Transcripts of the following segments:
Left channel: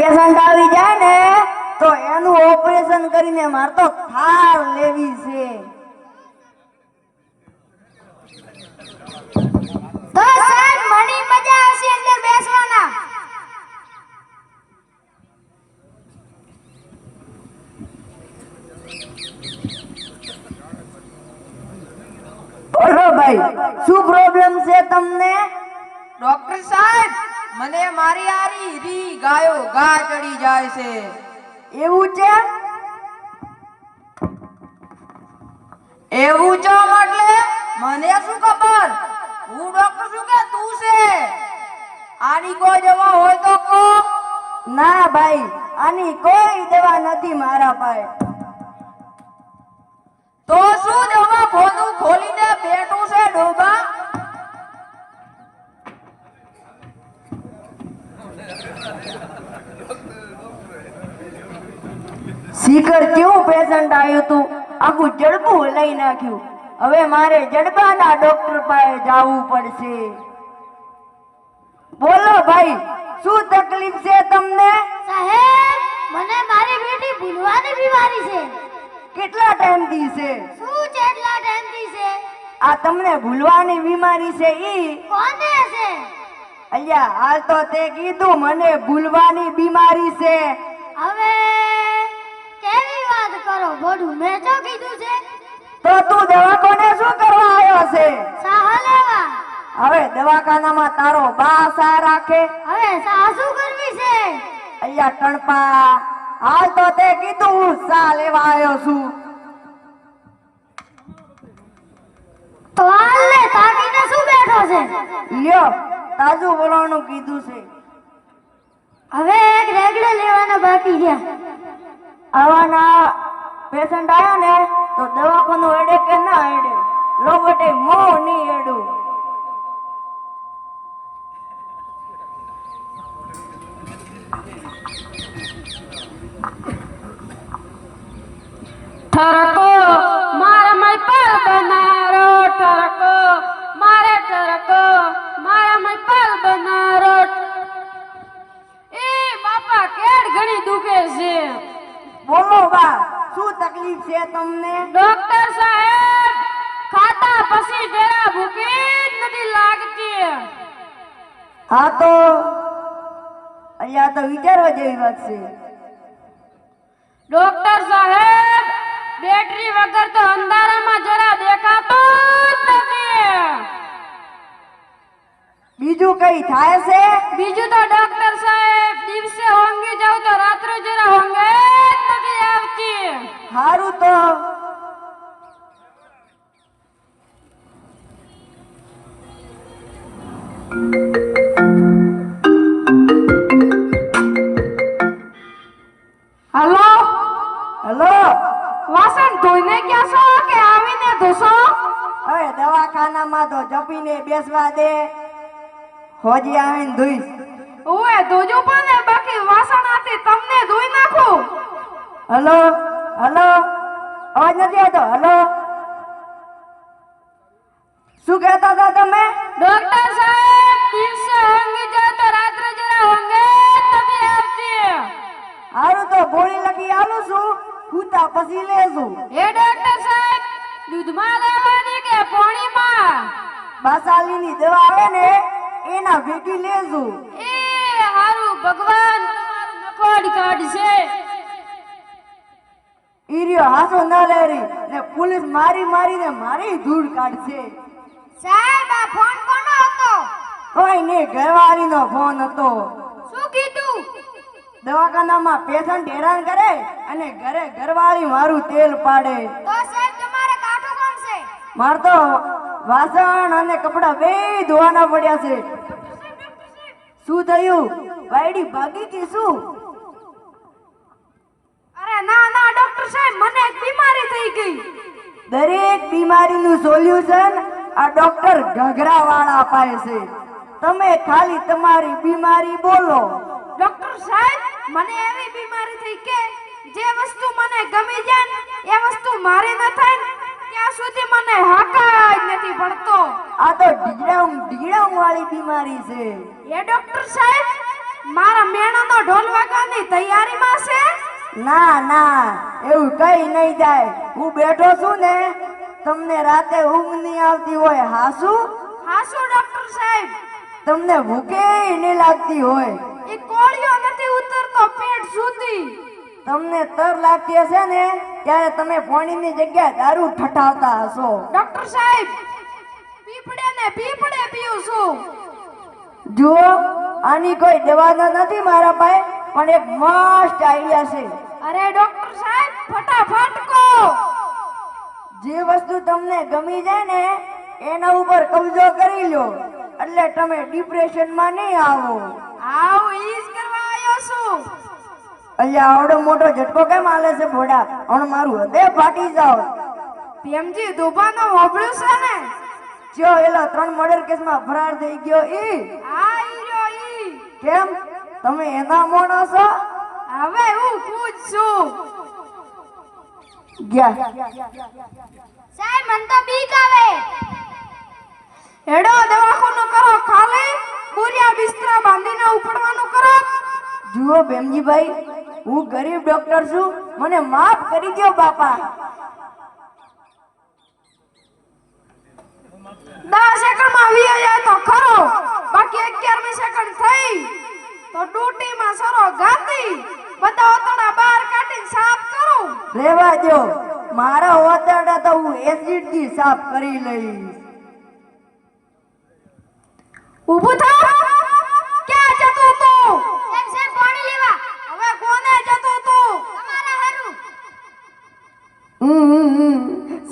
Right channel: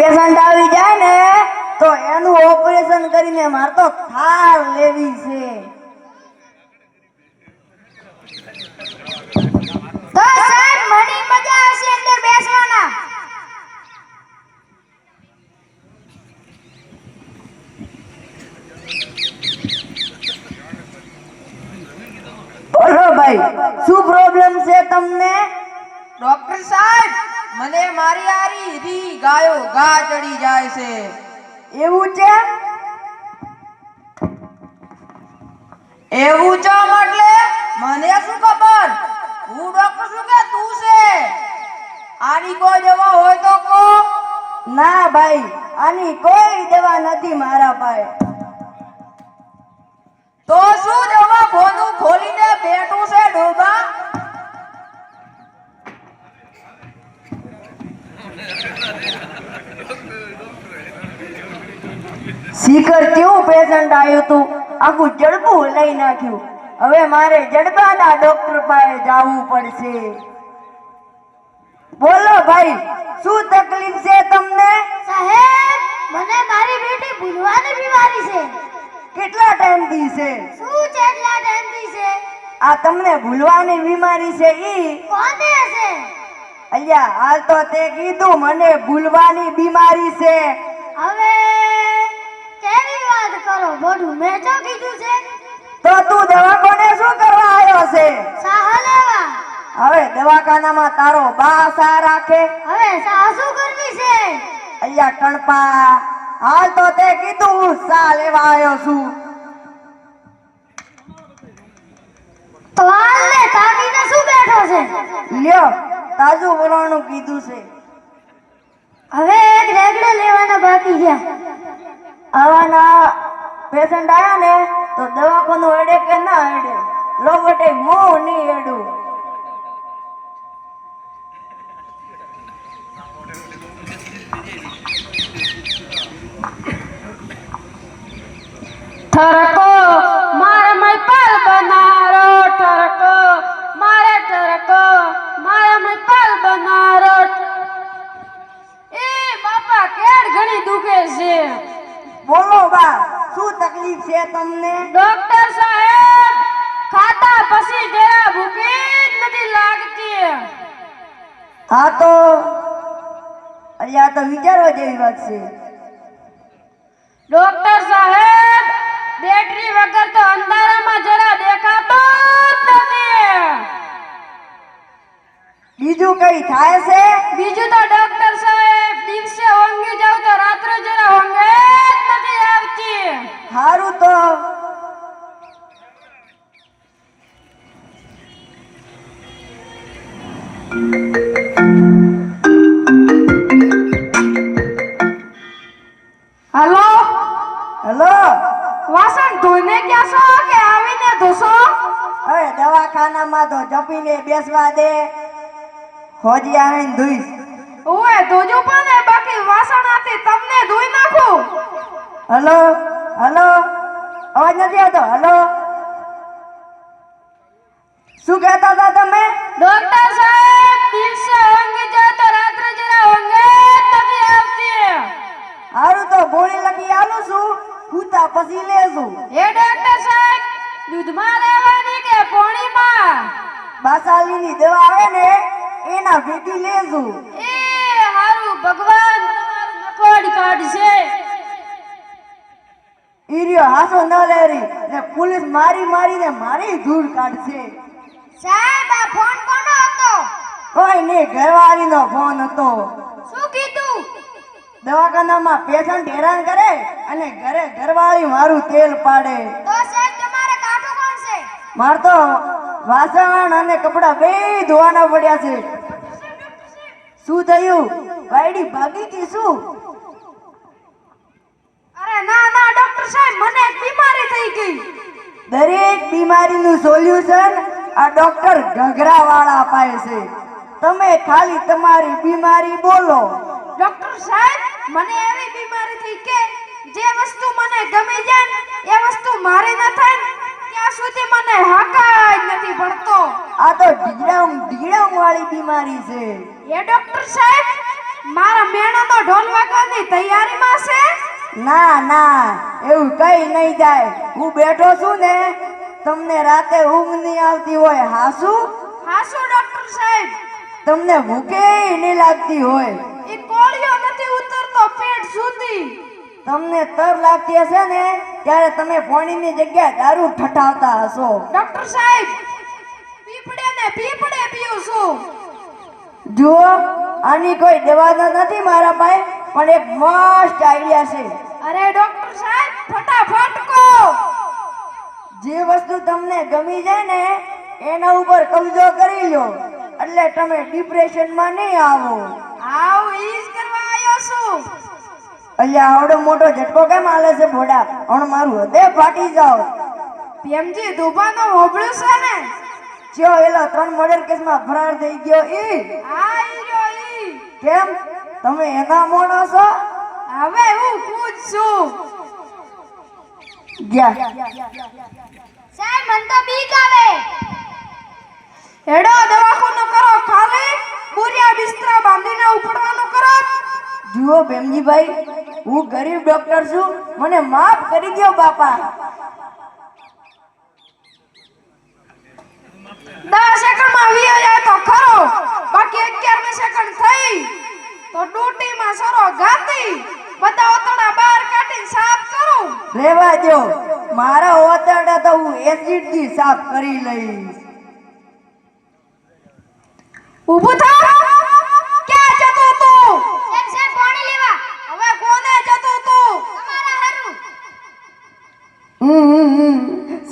Patient આવી જાય ને તો એનું ઓપરેશન કરીને મારે તો થાર લેવી છે. તો સાહેબ મને મજા આવશે અંદર બેસવાના. બોલો ભાઈ, શું પ્રોબ્લેમ છે તમને? ડોક્ટર સાહેબ, મને મારી આરી રી ગાયો ઘા ચડી જાય છે. એવું છે? એવું ચમ એટલે મને શું ખબર? હું ડોક્ટર છું કે તું છે? આની કોઈ દવા હોય તો કહો. ના ભાઈ, આની કોઈ દવા નથી મારા પાસે. તો શું દવા ખોદું ખોલીને બેઠું છે ડોબા? શીખર કેવું પેશન્ટ આવ્યું તું, આખું જડબું લઈ નાખ્યું. હવે મારે જડબાના ડોક્ટર પાસે જવું પડશે. બોલો ભાઈ, શું તકલીફ છે તમને? સાહેબ મને મારી બેટી ભૂલવાની બીમારી છે. કેટલા ટાઈમથી છે? શું કેટલા ટાઈમથી છે? આ તમને ભૂલવાની બીમારી છે ઈ? કોને છે? અલ્યા હાલ તો તે કીધું મને ભૂલવાની બીમારી છે. હવે કેવી વાત કરો? બધું મેં તો કીધું છે. તો તું દવાખાને શું કરવા આવ્યો છે? સાહ લેવા. હવે દવાખાનામાં તારો બા સા રાખે? હવે સાહ શું કરવી છે? અલ્યા કણપા, હાલ તો તે કીધું હું સા લેવા આવ્યો છું. તો હાલને તાકીને શું બેઠો છે? લ્યો, તાજું બોલવાનું કીધું છે. હવે એક રેગડે લેવાના બાકી છે. આવાના પેશન્ટ આવ્યા ને તો દવાખાનું હેડે કે ના હેડે? લો બટે મોં નહીં હેડું. ठरको मारे मैं पल बनारो ठरको मारे ठरको मारे मैं पल बनारो ए बापा केड घणी दुखे છે. બોલો બા, શું તકલીફ છે તમને? ડોક્ટર સાહેબ, ખાતા પછી જરા ભૂખ જ નથી લાગતી. હા તો અલ્યા તો વિચારવા જેવી વાત છે. ડોક્ટર સાહેબ, બેટરી વગર તો અંધારામાં જરા દેખાતો જ નથી. બીજું કઈ થાય છે? બીજું તો ડોક્ટર સાહેબ, દિવસે ઊંઘી જાવ તો રાત્રે જરા ઊંઘ જ નથી આવતી. સારું તો હલો, હેલો. વાસણ ધોઈને ગયા છો કે આવીને ધોશો? હવે દવાખાનામાં તો જપીને બેસવા દે, હોજી આવીને ધોઈશ. ઓએ ધોજો પણ બાકી વાસણ આથી તમને ધોઈ નાખું. હલો હલો, અવાજ નથી આવતો. હલો, શું કહેતા હતા તમે? ડોક્ટર સાહેબ, દિવસે ઊંઘી જાવ તો રાત્રે જરા ઊંઘ જ નથી આવતી. સારું તો ગોળી લખી આલું છું, પૂતા પછી લેશું. એ ડોક્ટર સાહેબ, દૂધમાં લેવાની કે પાણીમાં? બાસાલીની દવા આવે ને એના ભેગી લેશું. એ હારું ભગવાન નકોડ કાઢશે. ઈરિયો હાસો ન લેરી ને પોલીસ મારી મારીને મારી ધૂળ કાઢશે. સાહેબ આ ફોન કોનો હતો? કોઈ નહીં, ઘરવાળીનો ફોન હતો. શું કીધું? દવાખાનામાં પેશન્ટ હેરાન કરે અને ઘરે ઘરવાળી મારું તેલ પાડે. તો સાહેબ તમારે કાઠું કોણ છે? માર તો વાસણ અને કપડા બે ધોવાના પડ્યા છે. શું થયું? વાયડી ભાગી કે શું? અરે ના ના ડોક્ટર સાહેબ, મને એક બીમારી થઈ ગઈ. દરેક બીમારીનું સોલ્યુશન આ ડોક્ટર ઘઘરાવાળા પાસે છે. તમે ખાલી તમારી બીમારી બોલો. ડોક્ટર સાહેબ, મને એવી બીમારી થઈ કે જે વસ્તુ મને ગમી જાય એ વસ્તુ મારે ન થાય ત્યાં સુધી મને હાકા જ નથી પડતો. આ તો ઢીગડામ વાળી બીમારી છે. એ ડોક્ટર સાહેબ, મારા મેણાનો ઢોલ વાગવાની કઈ તૈયારીમાં છે? ના ના, એવું કઈ નહીં જાય. હું બેઠો છું ને, તમને રાતે ઊંઘ નહીં આવતી હોય. હાસુ હાસુ ડોક્ટર સાહેબ, તમને ભૂખે નહીં લાગતી હોય. એ કોળિયો નથી ઉતરતો પેટ સુધી. તમને તર લાગતી હશે ને ત્યારે તમે પાણીની જગ્યાએ દારૂ ઠઠાવતા હશો. ડોક્ટર સાહેબ, પીપળે ને પીપળે પીઉં છું. જુઓ, આની કોઈ દવા તો નથી મારા પાસે, પણ એક મસ્ત આઈડિયા છે. અરે ડોક્ટર સાહેબ, ફટાફટ કહો. જે વસ્તુ તમને ગમી જાય ને એના ઉપર કબજો કરી લો, એટલે તમે ડિપ્રેશનમાં નહીં આવો. આવ ઈજ કરવા આવ્યો છું. અહીંયા આવડો મોટો ઝટકો કેમ આલે છે ભોડા? હણ મારું હૃદય ફાટી જાવ. પીએમજી દુબાનો હોબળ્યું છે ને? ચો એલો 3 મર્ડર કેસમાં ફરાર થઈ ગયો ઈ. આ ઈ રહ્યો ઈ. કેમ તમે એના મોણો છો? હવે હું પૂછું. ગયા સાહેબ મન તો બીક આવે. હેડો દવાખાનું કરો ખાલી, બુરિયા બિસ્તરા બાંધીને ઉપડવાનું કરો. જુઓ ભેમજીભાઈ, હું ગરીબ ડોક્ટર છું, મને માફ કરી દો બાપા. 10 સેકન્ડમાં વી જાય તો ખરો, બાકી 11મી સેકન્ડ થઈ તો ડૂટીમાં સરો ગાતી. બધા ઓતડા બહાર કાઢીને સાફ કરું. રેવા દો, મારા ઓતરડા તો હું એસિડ થી સાફ કરી લઈશ. ઊભું થા. ક્યાં જતો તું? સાહેબ પાણી લેવા. હવે કોને જતો તું? તમારા હારું.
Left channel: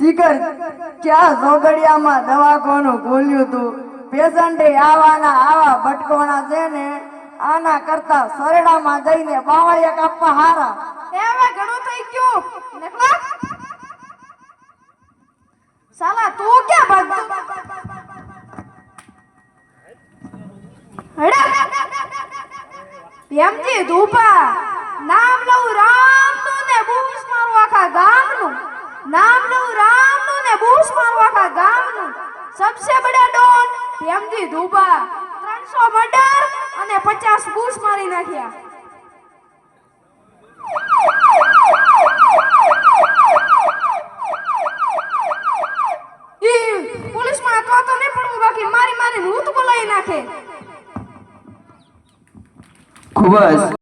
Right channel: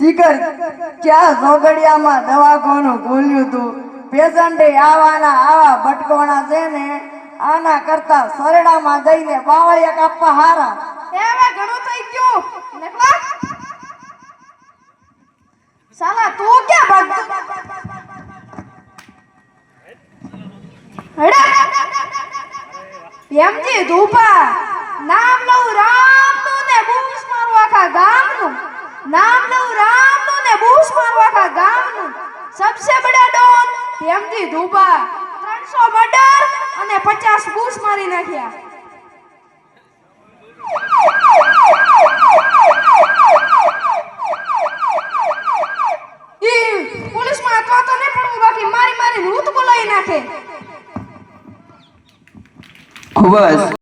શિખર, ક્યાં ઝોગડિયામાં દવાખાનું ખોલ્યું તું? પેશન્ટે આવા ભટકોણા છે ને, આના કરતા સરડામાં જઈને બાવળિયા કાપવા હારા. એ હવે ઘણું થઈ ગયું. નીકળો. સાલા તું ક્યાં ભાગતો? હેડા. એમજી ધૂપા, નામ લઉં રામનું ને બૂસ મારું આખા ગામનું. નામ લઉં રામનું ને બૂસ મારું આખા ગામનું. સબસે બડા ડોન એમજી ધૂપા. 300 મર્ડર અને 50 બૂસ મારી નાખ્યા. પોલીસમાં તો નહીં પડવું, બાકી મારી રૂત બોલાવી નાખે. ખૂબ જ